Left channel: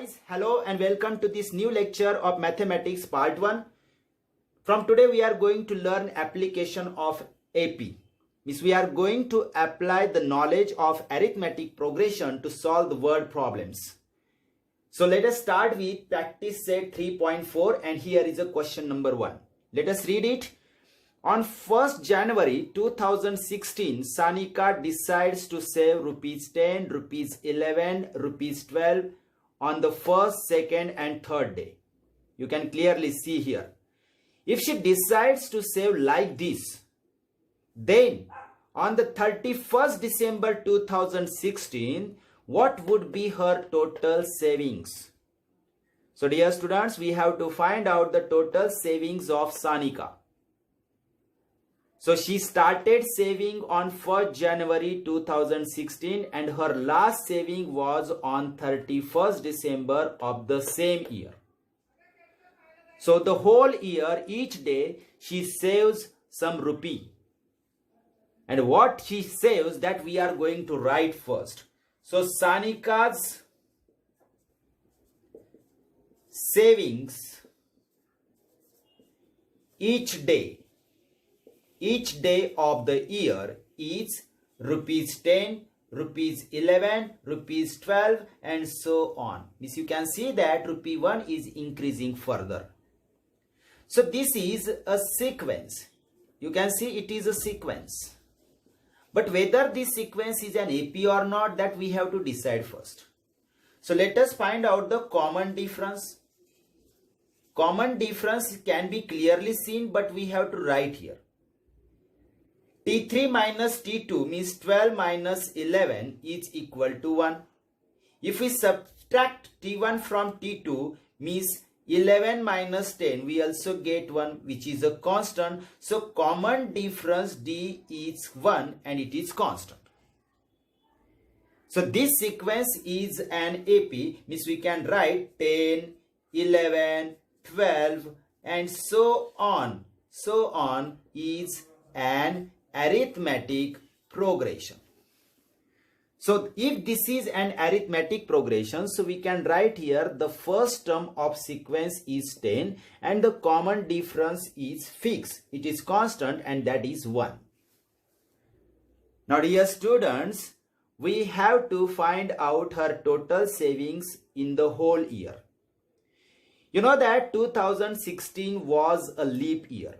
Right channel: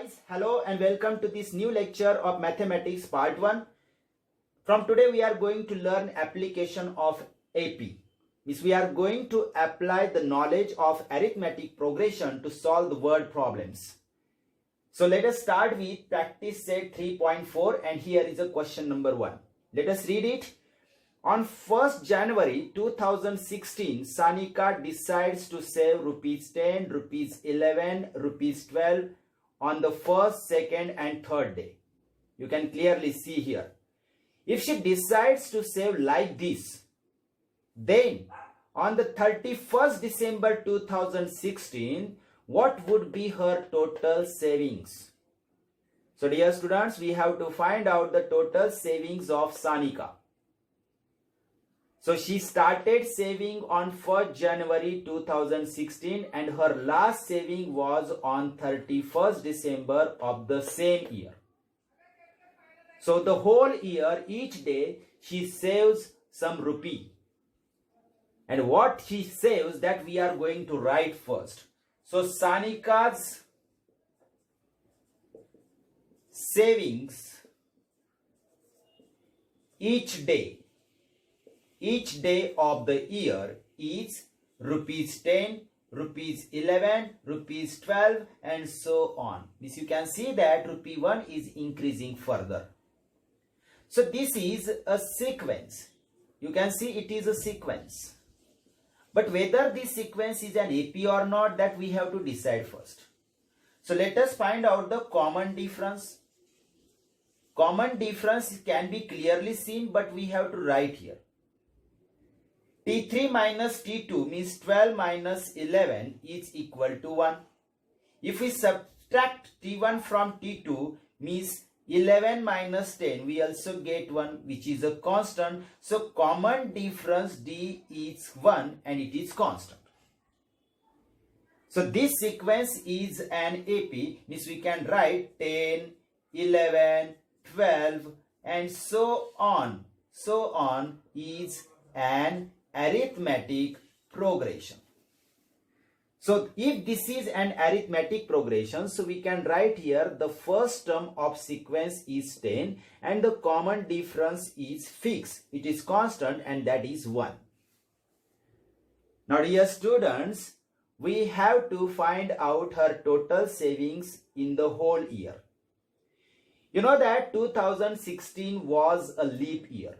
guys, hello and welcome to this new lecture of Mathematics Part 1. From today we are going to learn application of AP. Means we are going to apply the knowledge of arithmetic progression to solve the word problems. So let us start with practice set 3.4 and here is a question number 1. Let us read it. On 1st January 2016, Sanika decides to save rupees 10, rupees 11, rupees 12 on the first, second and third day. You can clearly see here. If she decides to save like this, then on the 31st December 2016, what would be her total savings? So dear students, we have to find out the total savings of Sanika. So she started saving on 1st January 2016 and her last saving was on 31st December of the same year. So the whole year, each day, she saves some rupee. And what she saves, that we are going to write first. So Sanika's savings each day of the year is rupees 10, rupees 11, rupees 12 and so on. This you can see that rupee 1 is increasing further. So this is a sequence. You can see it is a sequence. But whether this sequence is an AP or not, that we have to decide first. So let us find out the common difference. Common difference can be clearly seen, but we have to write here. T3 minus T2 means 12 minus 11 is equal to 1. If we subtract T1 from T2 means 11 minus 10, we also get 1, which is a constant. So common difference D is 1 and it is constant. So this sequence is an AP, means we can write 10, 11, 12 and so on. So on is an arithmetic progression. So if this is an arithmetic progression, so we can write here the first term of sequence is 10 and the common difference is fixed. It is constant and that is 1. Now dear students, we have to find out her total savings in the whole year. You know that 2016 was a leap year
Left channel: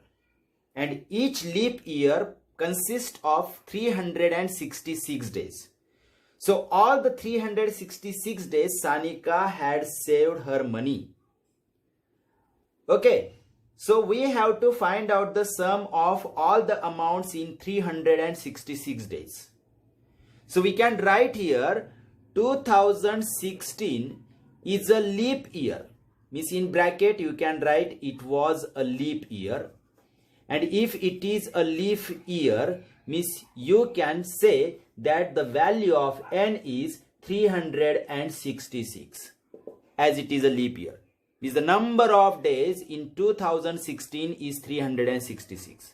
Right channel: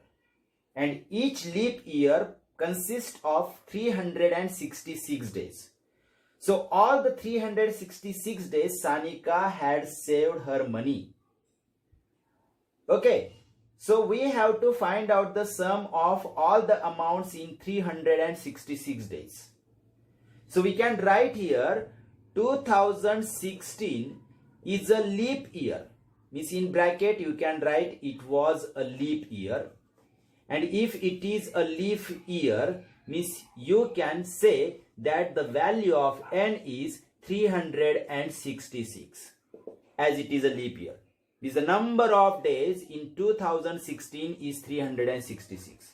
and each leap year consists of 366 days. So all the 366 days Sanika had saved her money. Okay, so we have to find out the sum of all the amounts in 366 days. So we can write here 2016 is a leap year. Means in bracket you can write it was a leap year. And if it is a leap year, means you can say that the value of n is 366 as it is a leap year. Means the number of days in 2016 is 366.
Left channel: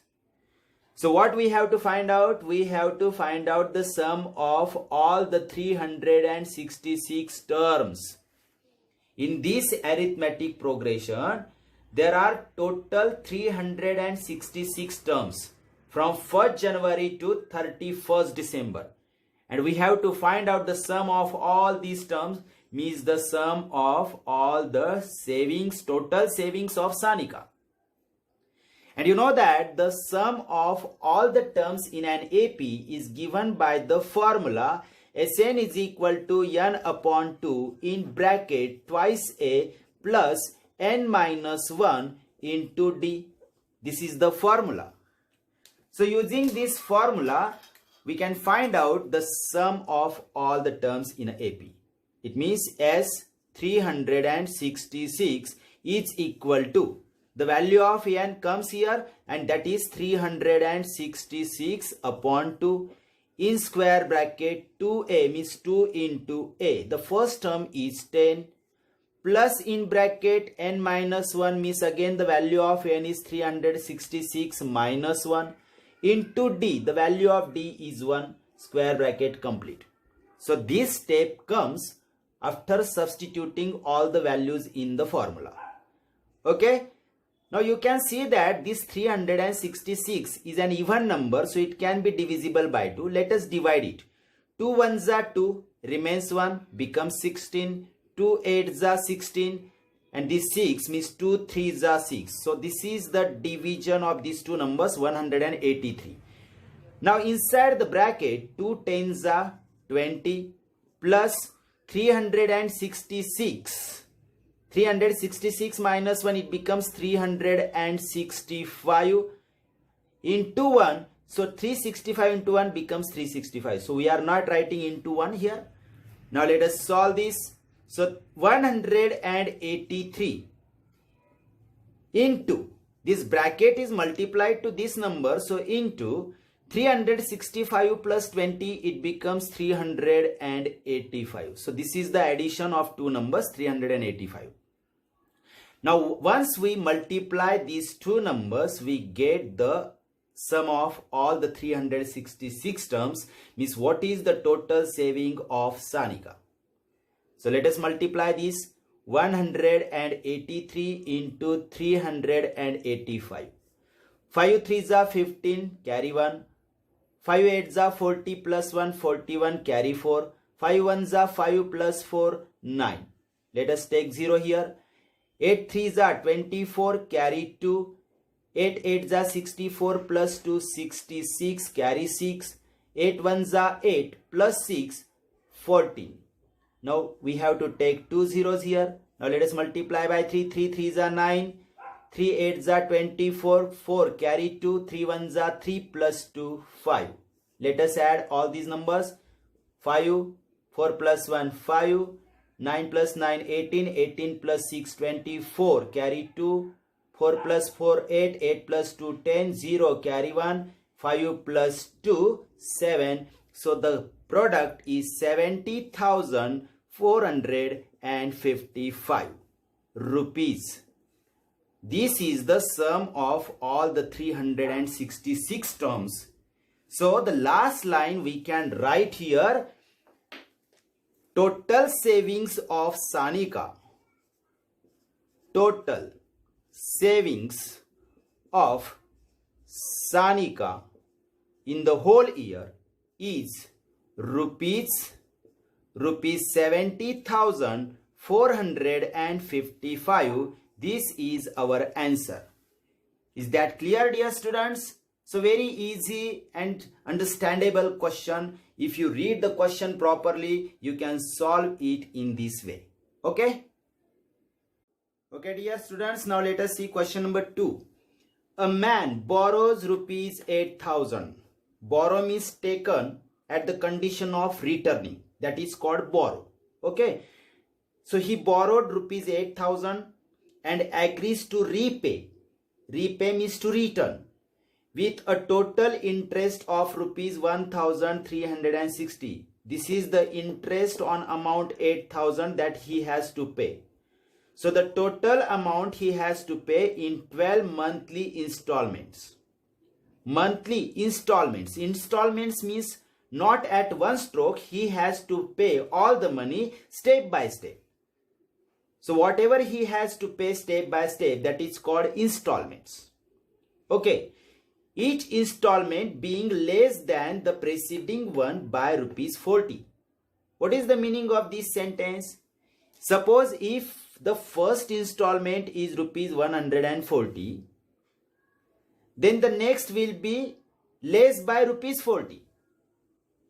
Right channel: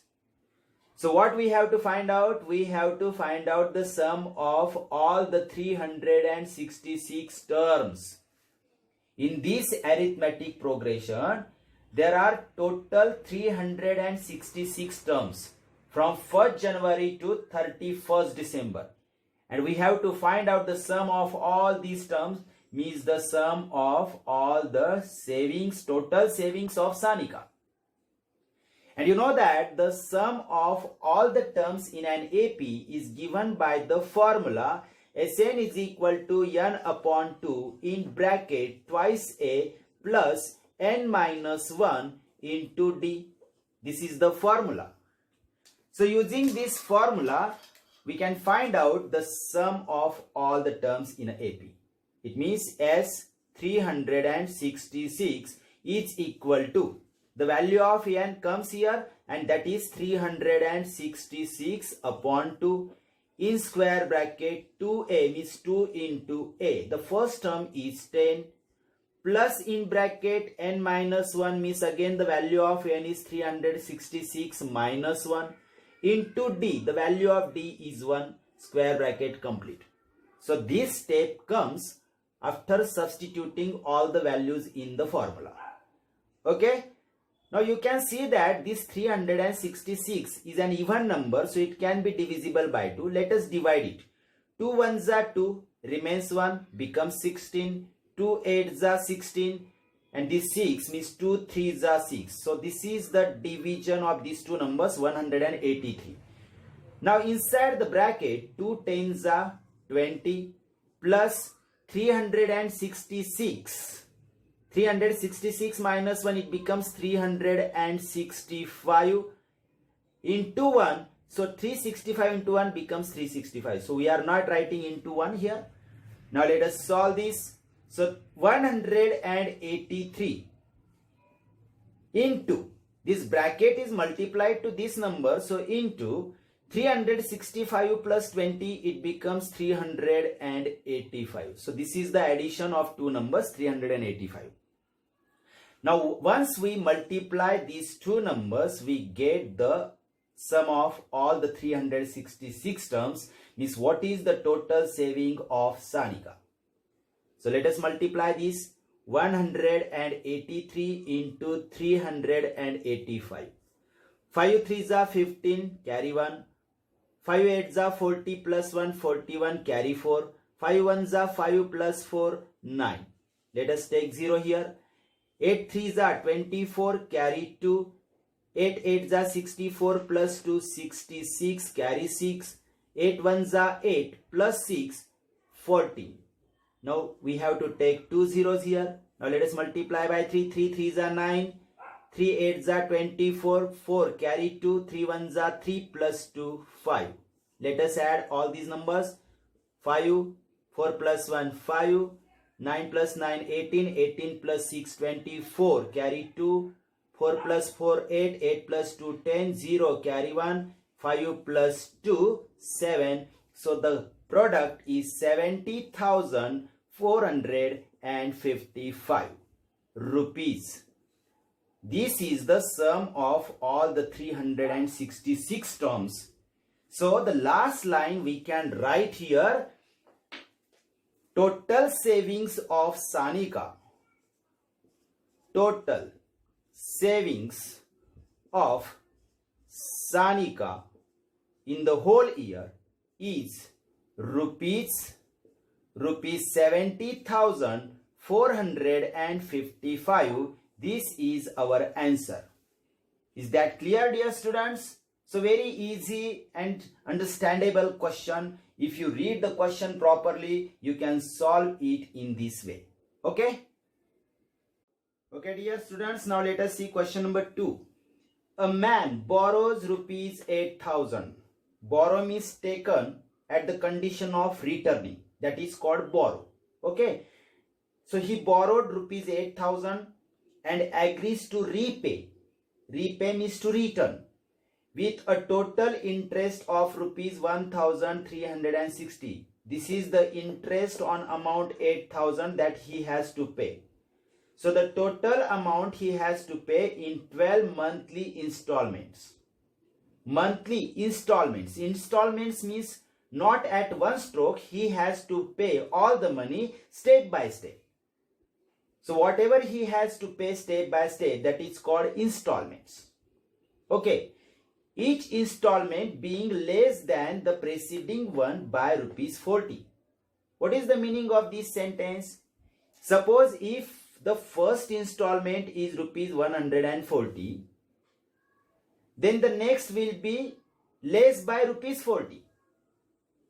So what we have to find out? We have to find out the sum of all the 366 terms. In this arithmetic progression, there are total 366 terms from 1st January to 31st December. And we have to find out the sum of all these terms, means the sum of all the savings, total savings of Sanika. And you know that the sum of all the terms in an AP is given by the formula Sn is equal to n upon 2 in bracket twice A plus n minus 1 into D. This is the formula. So using this formula, we can find out the sum of all the terms in AP. It means S 366 is equal to, the value of n comes here and that is 366 upon 2 in square bracket 2a means 2 into a. The first term is 10 plus in bracket n minus 1 means again the value of n is 366 minus 1 into d. The value of d is 1, square bracket complete. So this step comes after substituting all the values in the formula. Okay. Now you can see that this 366 is an even number, so it can be divisible by 2. Let us divide it. 2 ones are 2, remains 1, becomes 16. 2 8s are 16, and this 6 means 2 3s are 6. So this is the division of these two numbers, 183. Now inside the bracket, 2 10s are 20 plus 366. 366 minus 1, it becomes 365 into 1. So 365 into 1 becomes 365. So we are not writing into 1 here. Now let us solve this. So 183 into, this bracket is multiplied to this number. So into 365 plus 20, it becomes 385. So this is the addition of two numbers, 385. Now once we multiply these two numbers, we get the sum of all the 366 terms, means what is the total saving of Sanika. So let us multiply this. 183 into 385. 5 3s are 15, carry 1. 5 8s are 40 plus 1, 41, carry 4. 5 1s are 5 plus 4, 9. Let us take 0 here. 8 3s are 24, carry 2. 8 8s are 64 plus 2, 66, carry 6. 8 1s are 8 plus 6, 14. Now we have to take two zeros here. Now let us multiply by 3. 3 3s are 9. 3 8s are 24. 4 carry 2. 3 1s are 3 plus 2, 5. Let us add all these numbers. 5, 4 plus 1, 5. 9 plus 9, 18. 18 plus 6, 24. Carry 2. 4 plus 4, 8. 8 plus 2, 10. 0 carry 1. 5 plus 2, 7. So the product is 70,455 rupees. This is the sum of all the 366 terms. So the last line we can write here, total savings of Sanika. Total savings of Sanika in the whole year is rupees 70,455. This is our answer. Is that clear, dear students? So very easy and understandable question. If you read the question properly, you can solve it in this way. Okay? Okay, dear students, now let us see question number 2. A man borrows rupees 8,000. Borrow means taken at the condition of returning. That is called borrow. Okay. So he borrowed rupees 8,000 and agrees to repay. Repay means to return with a total interest of rupees 1,360. This is the interest on amount 8,000 that he has to pay. So the total amount he has to pay in 12 monthly installments. Monthly installments. Installments means not at one stroke. He has to pay all the money step by step. So whatever he has to pay step by step, that is called installments. Okay. Each installment being less than the preceding one by rupees 40. What is the meaning of this sentence? Suppose if the first installment is rupees 140, then the next will be less by rupees 40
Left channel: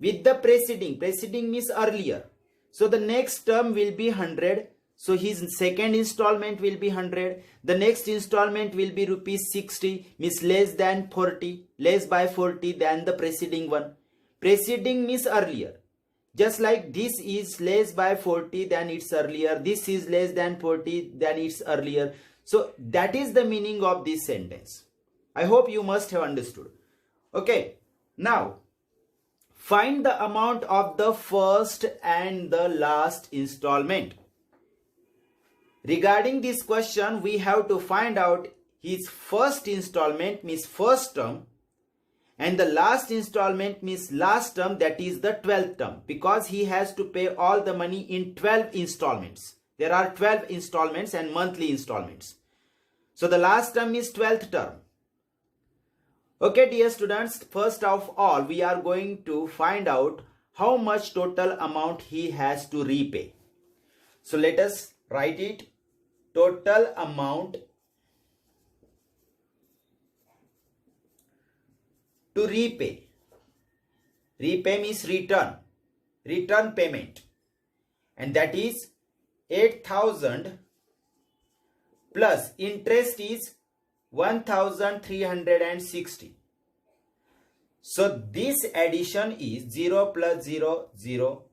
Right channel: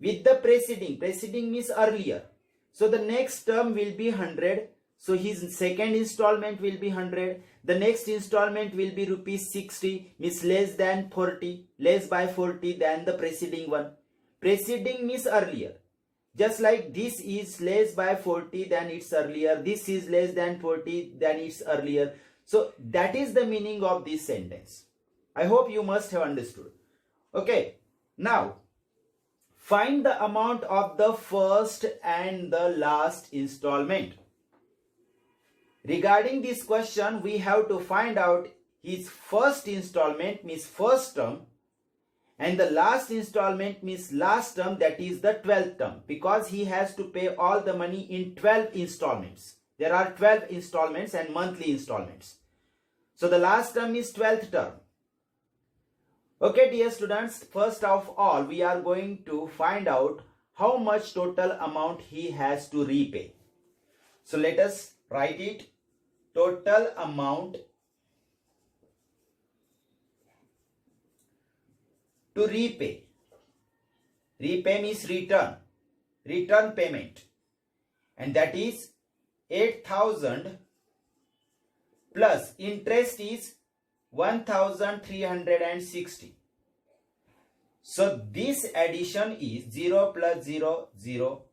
with the preceding. Preceding means earlier. So the next term will be 100. So his second installment will be 100. The next installment will be rupees 60, means less than 40, less by 40 than the preceding one. Preceding means earlier. Just like this is less by 40 than its earlier. This is less than 40 than its earlier. So that is the meaning of this sentence. I hope you must have understood. Okay. Now, find the amount of the first and the last installment. Regarding this question, we have to find out his first installment, means first term, And the last installment means last term, that is the 12th term, because he has to pay all the money in 12 installments. There are 12 installments and monthly installments. So the last term is 12th term. Okay, dear students, first of all, we are going to find out how much total amount he has to repay. So let us write it. Total amount to repay. Repay means return payment, and that is 8,000 plus interest is 1,360. So this addition is 0 plus 0, 0,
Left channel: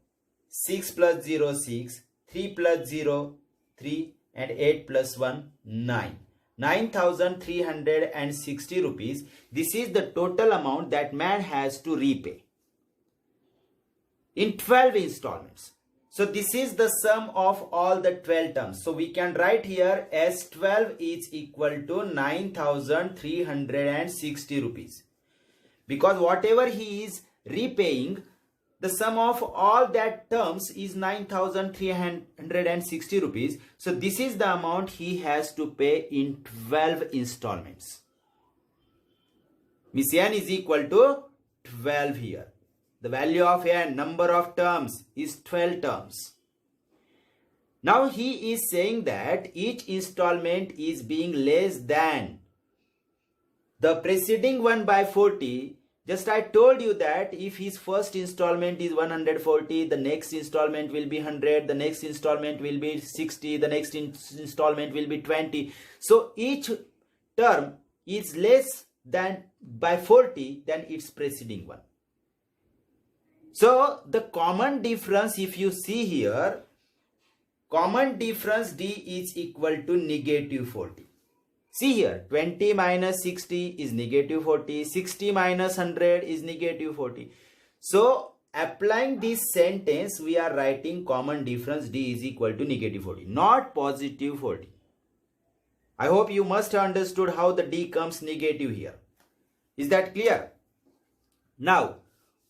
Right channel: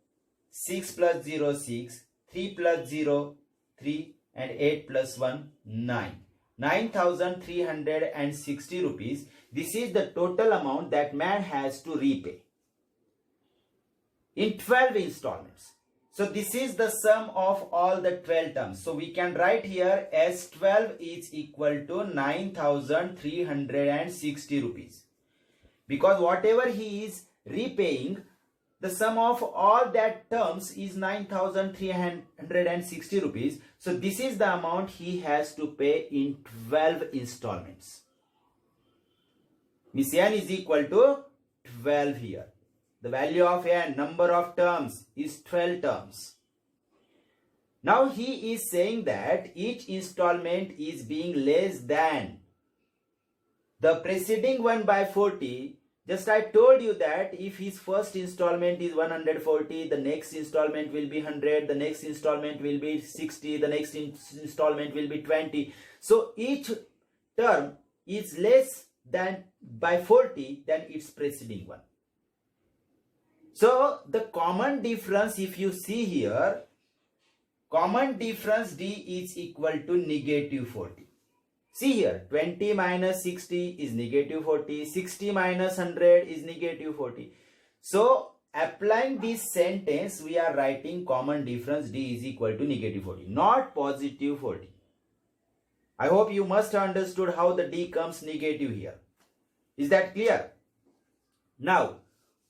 6 plus 0, 6, 3 plus 0, 3, and 8 plus 1, 9. 9,360 rupees. This is the total amount that man has to repay in 12 installments. So this is the sum of all the 12 terms. So we can write here as 12 is equal to 9,360 rupees. Because whatever he is repaying, the sum of all that terms is 9,360 rupees. So this is the amount he has to pay in 12 installments. Miss n is equal to 12 here. The value of n, number of terms, is 12 terms. Now he is saying that each installment is being less than the preceding one by 40. Just I told you that if his first installment is 140, the next installment will be 100, the next installment will be 60, the next installment will be 20. So each term is less than by 40 than its preceding one. So the common difference, if you see here, common difference D is equal to negative 40. See here, 20 minus 60 is negative 40, 60 minus 100 is negative 40. So applying this sentence, we are writing common difference D is equal to negative 40, not positive 40. I hope you must have understood how the D comes negative here. Is that clear? Now,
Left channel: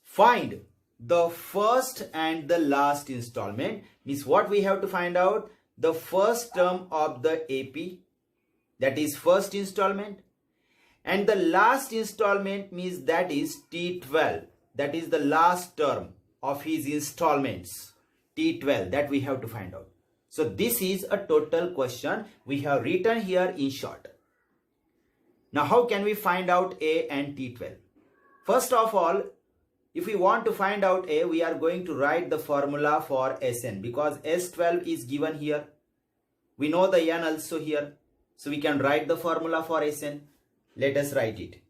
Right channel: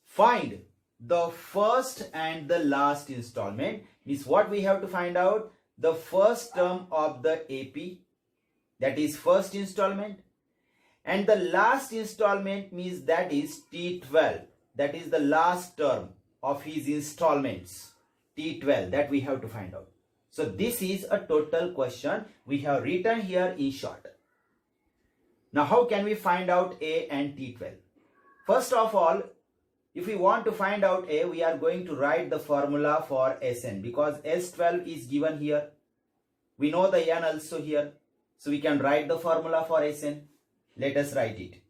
find the first and the last installment. Means what we have to find out? The first term of the AP, that is first installment, and the last installment means that is T12, that is the last term of his installments, T12, that we have to find out. So this is a total question we have written here in short. Now how can we find out A and T12? First of all, if we want to find out A, we are going to write the formula for Sn, because S12 is given here. We know the n also here. So we can write the formula for Sn. Let us write it.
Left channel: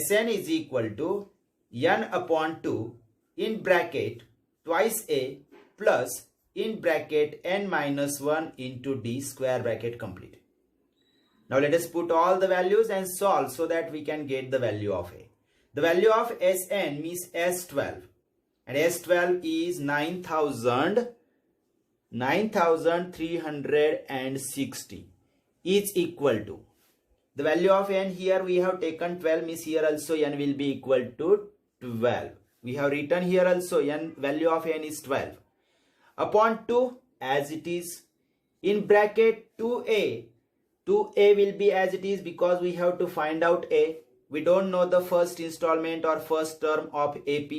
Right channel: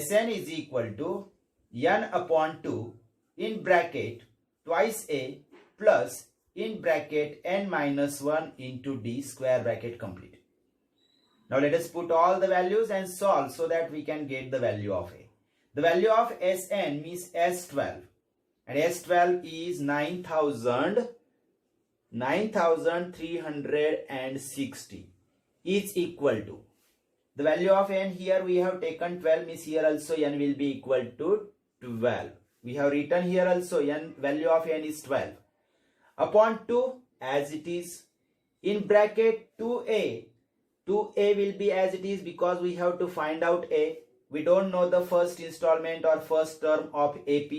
Sn is equal to n upon 2 in bracket twice A plus in bracket n minus 1 into D square bracket complete. Now let us put all the values and solve so that we can get the value of A. The value of Sn means S12, and S12 is 9,360 is equal to the value of n. Here we have taken 12, means here also n will be equal to 12. We have written here also n, value of n is 12 upon 2 as it is, in bracket 2a will be as it is because we have to find out A. We don't know the first installment or first term of AP.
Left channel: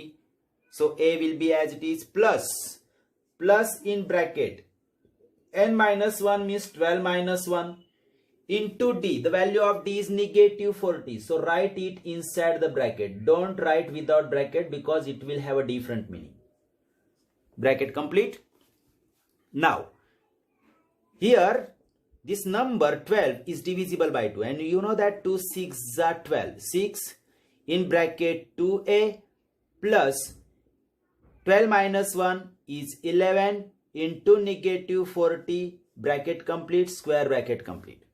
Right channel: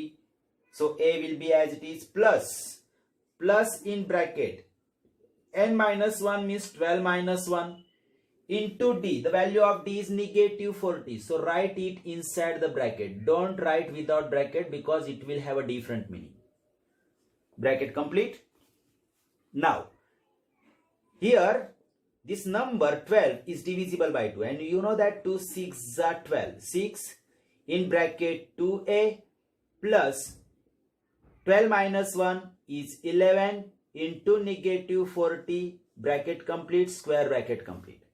So A will be as it is, plus in bracket n minus 1 means 12 minus 1 into D. The value of D is negative 40. So write it inside the bracket. Don't write without bracket because it will have a different meaning. Bracket complete. Now here this number 12 is divisible by 2, and you know that 2 6 are 12. 6 in bracket 2a plus 12 minus 1 is 11 into negative 40, bracket complete, square bracket complete.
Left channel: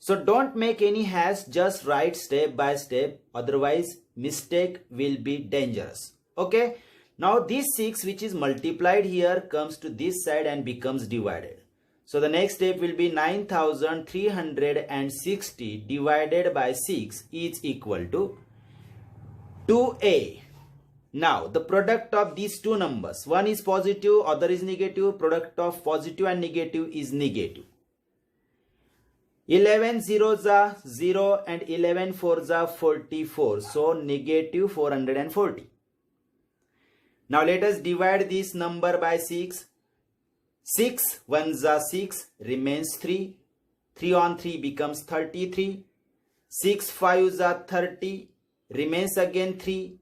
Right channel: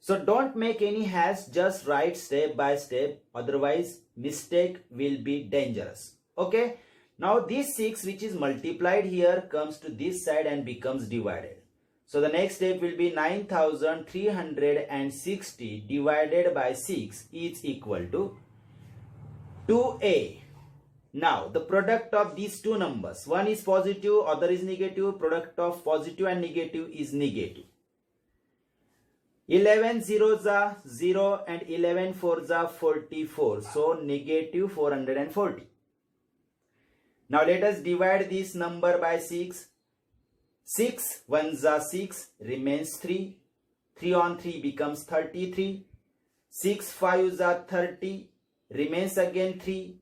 So don't make any hash, just write step by step, otherwise mistake will be dangerous. Okay, now this 6 which is multiplied here comes to this side and becomes divided. So the next step will be 9,360 divided by 6 is equal to, 2a. Now the product of these two numbers, one is positive, other is negative. Product of positive and negative is negative. 11 zeros are 0 and 11 fours are 44. So negative 440. Now let us divide this number by 6. 6 ones are 6, remains 3. 3 on 3 becomes 33. 6 fives are 30, remains again 3.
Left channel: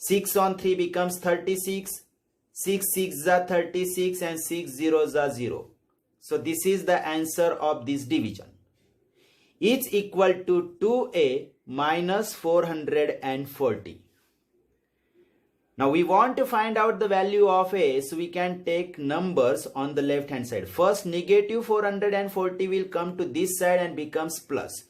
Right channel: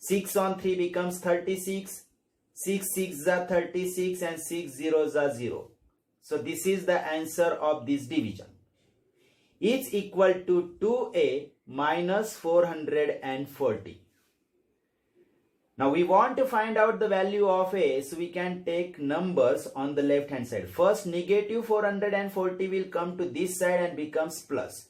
6 on 3 becomes 36. 6 sixes are 36 and 6 zeros are 0. So this is the answer of this division. It's equal to 2a minus 440. Now we want to find out the value of a, so we can take numbers on the left hand side. First negative 440 will come to this side and becomes plus.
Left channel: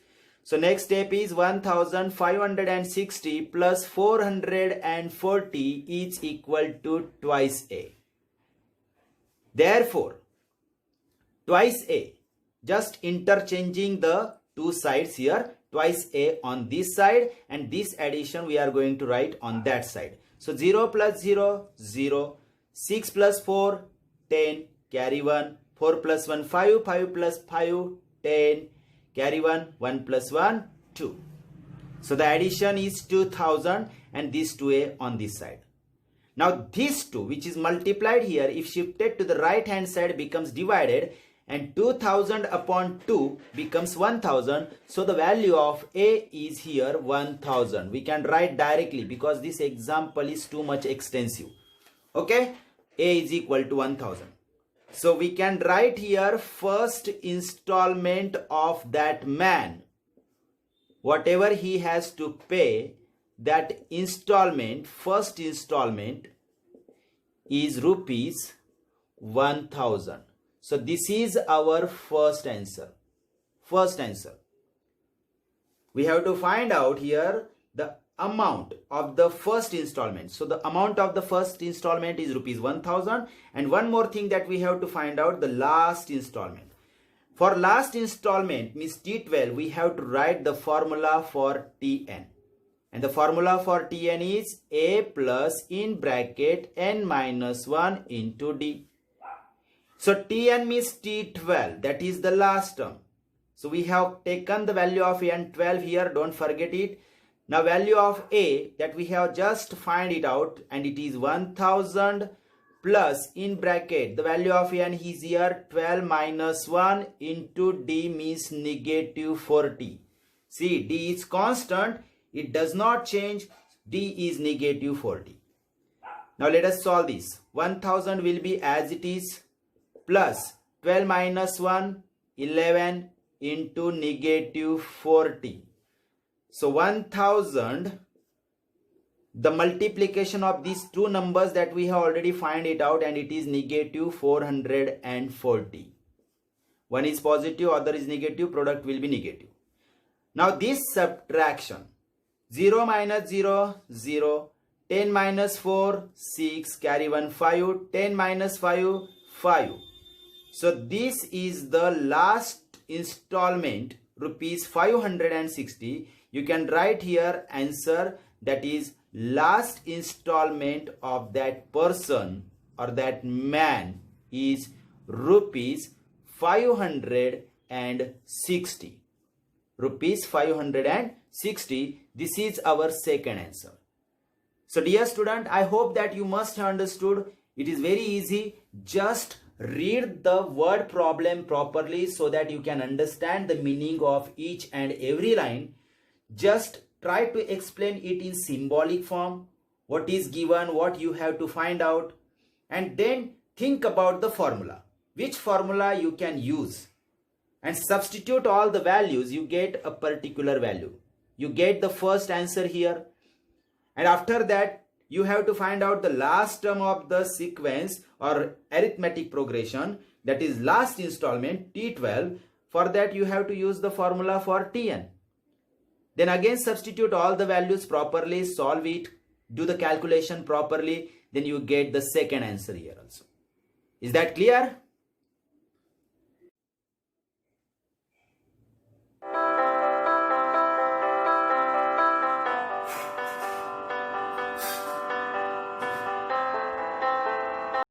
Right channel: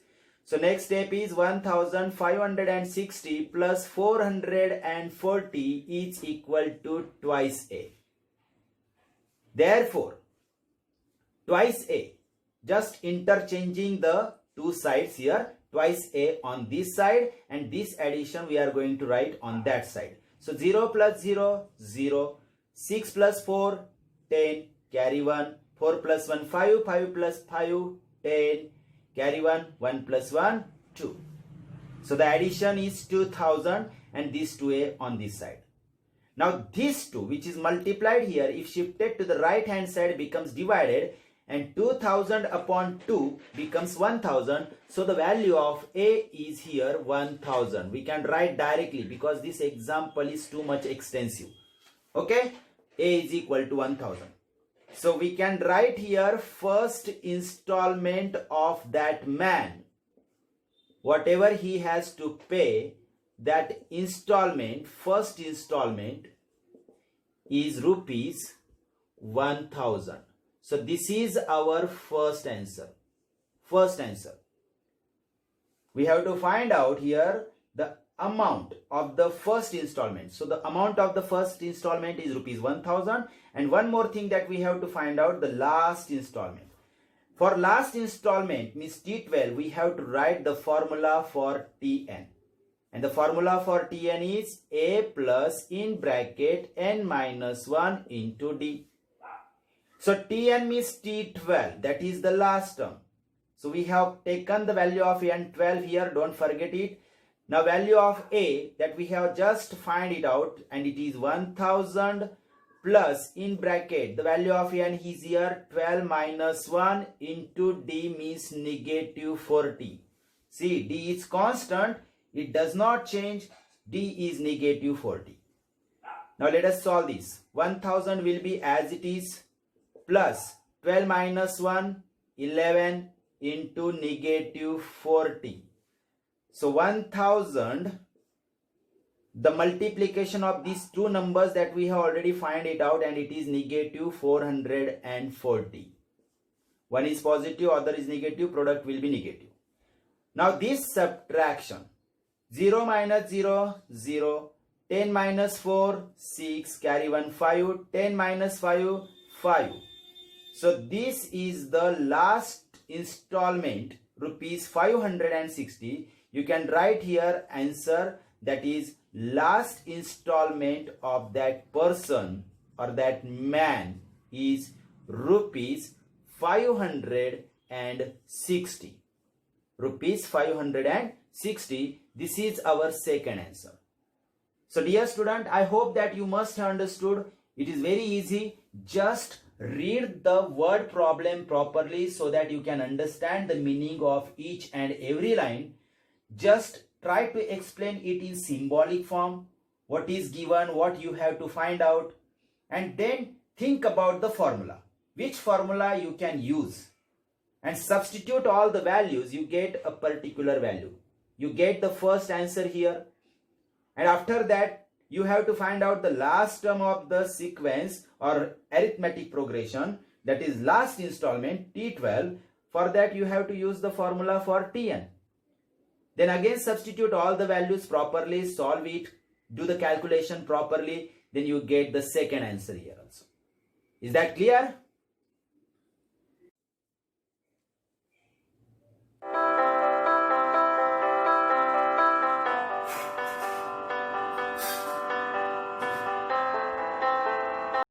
So next step is 1560 plus 440 is equal to twice a. Therefore, twice a, just interchanging the two sides here, twice a on this side and this addition we are going to write on that side. So 0 plus 0, 0, 6 plus 4, 10, carry 1, 4 plus 1, 5, 5 plus 5, 10, carry 1, 1 plus 1, 2. So the addition is 2000 and this 2a on this side. Now this 2 which is multiplied here, if shifted to the right hand side becomes divided, and 2000 upon 2 becomes 1000. So the value of a is here 1000. We can write directly because this example is too much extensive. Okay, a is equal to 1000. So we can write here first installment of that man. Whatever he has to pay, that installment, first installment is rupees 1000. So this is our first answer. First answer. We have to find out here the amount of the first installment. So the amount of the first installment is rupees 1000. And one more thing that we have to find out, the last installment. For last installment, means T12, we have to write the formula for Tn. And the formula for Tn is a plus in bracket n minus 1 into d. So Tn means T12, that is the last term. So we have taken the value of n 12 here, don't forget it. Now value of a that we have just find it out, and it is 1000 plus in bracket the value of n is here 12 minus 1 into d means negative 40. See, d is constant, it does not change, d is negative 40. Now let us solve this. 1000 will be as it is, plus 12 minus 1, 11 into negative 40. So 1000, the multiplication of these two numbers that we have already find it out, and it is negative 440. One is positive, other is negative, product will be negative. Now this subtraction, 0 minus 0, 0, 10 minus 4, 6, carry 1, 5, 10 minus 5, 5. So this is the last installment, rupees 560. You can write here answer, that is last installment of that person or that man is rupees 560. Rupees 560. This is our second answer. So dear student, I hope that you must have understood. It is very easy. Just read the word problem properly so that you can understand the meaning of each and every line. Just try to explain it in symbolic form, what is given, what you have to find out, and then think about the formula. Which formula you can use, and substitute all the values, you get a particular value. You get the first answer here, and after that you have to find out the last term of the sequence or arithmetic progression, that is last installment T12. For that you have to use the formula for Tn. Then again substitute all the values properly, solve it, do the calculation properly, then you get the second answer here also. Is that clear?